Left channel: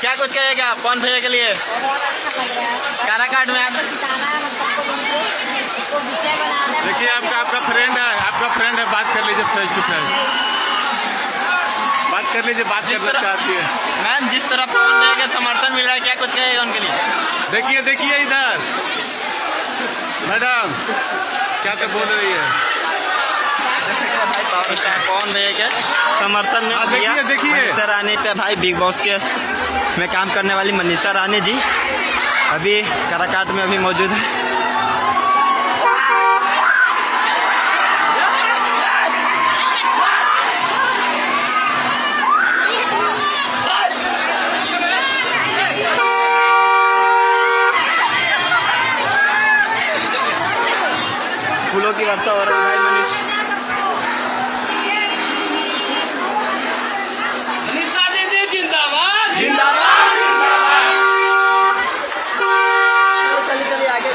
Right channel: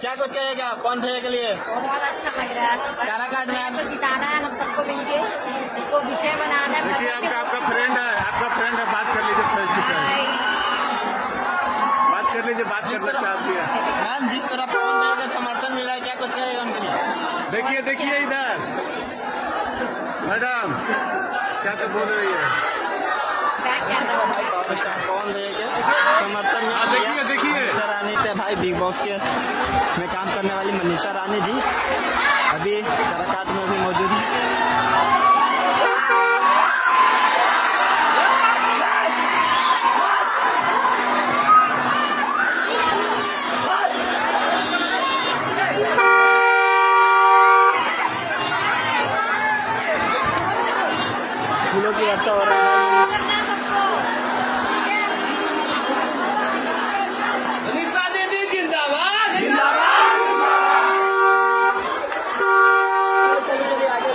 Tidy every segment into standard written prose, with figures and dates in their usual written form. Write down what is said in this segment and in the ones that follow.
क्या कुछ कहेगा पवन भैया के लिए? काराकाट में देखिए आपका फ्रेंड है, बात कर लीजिए फेस टू फेस, बात कर लीजिए, बात करना चाहती है मैम। जिस तरह पवन भैया का समर्थन मिल रहा है, क्या कुछ कहेगा उनके लिए? देखिए इधर मैडम क्या बोल रही है भाई पावर स्टार पवन भैया के समर्थन में किया। देखिए मनीषा रानी थे भाई, बिग बॉस के में काम करने वाली मनीषा रानी जी अभी काराकाट में अभी मौजूद है। फूलों की वर्षा हो रही है भाई। मनीषा दीदी जिंदाबाद जिंदाबाद। चलिए आगे।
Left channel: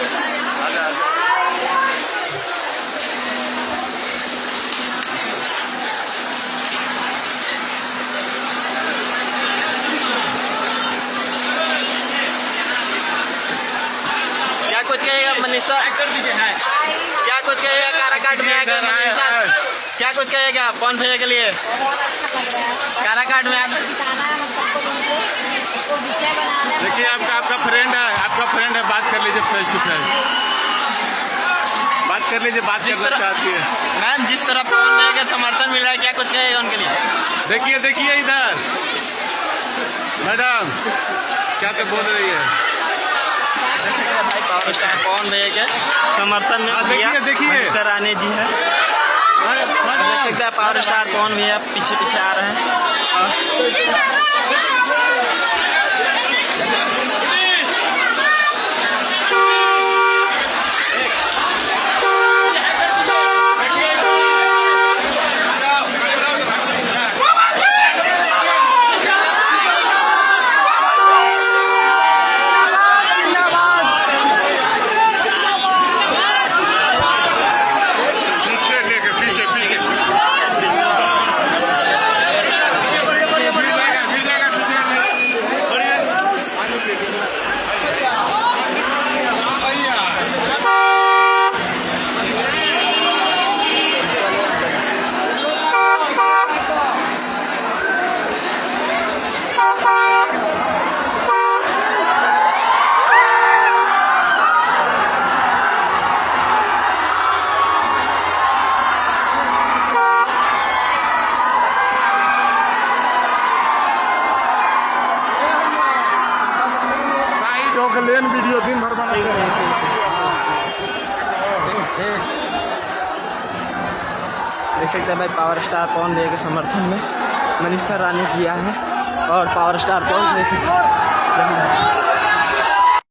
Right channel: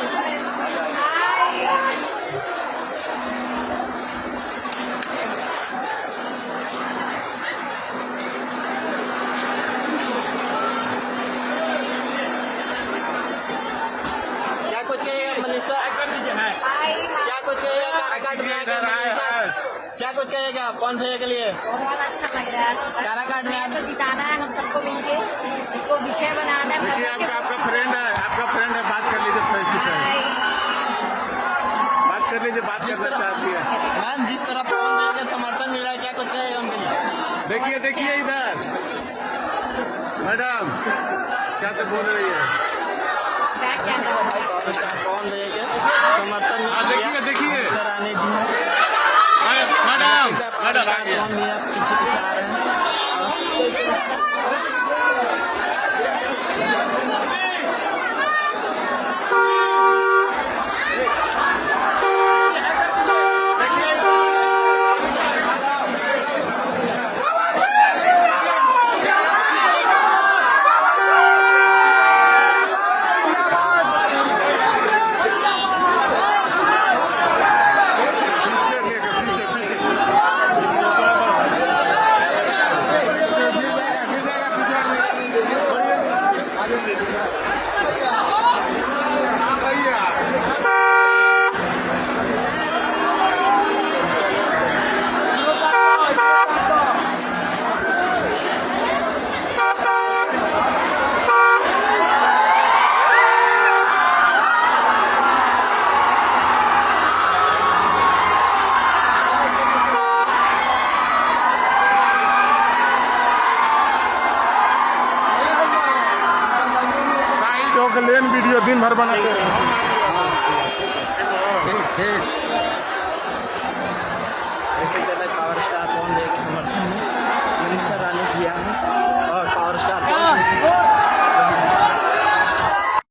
क्या कुछ कहेगा मनीषा? क्या कुछ कहेगा काराकाट में आके मनीषा? क्या कुछ कहेगा पवन भैया के लिए? काराकाट में देखिए आपका फ्रेंड है, बात कर लीजिए फेस टू फेस, बात कर लीजिए, बात करना चाहती है मैम। जिस तरह पवन भैया का समर्थन मिल रहा है, क्या कुछ कहेगा उनके लिए? देखिए इधर मैडम क्या बोल रही है भाई पावर स्टार पवन भैया के समर्थन में किया। मनीषा रानी जी है, पावर स्टार पवन भैया पीछे आ रहे हैं। लेन वीडियो दिन भर बनाते रहते जैसे कि पावर स्टार पवन भैया के समर्थन में मनीषा रानी जी आए हैं और पावर स्टार पवन भैया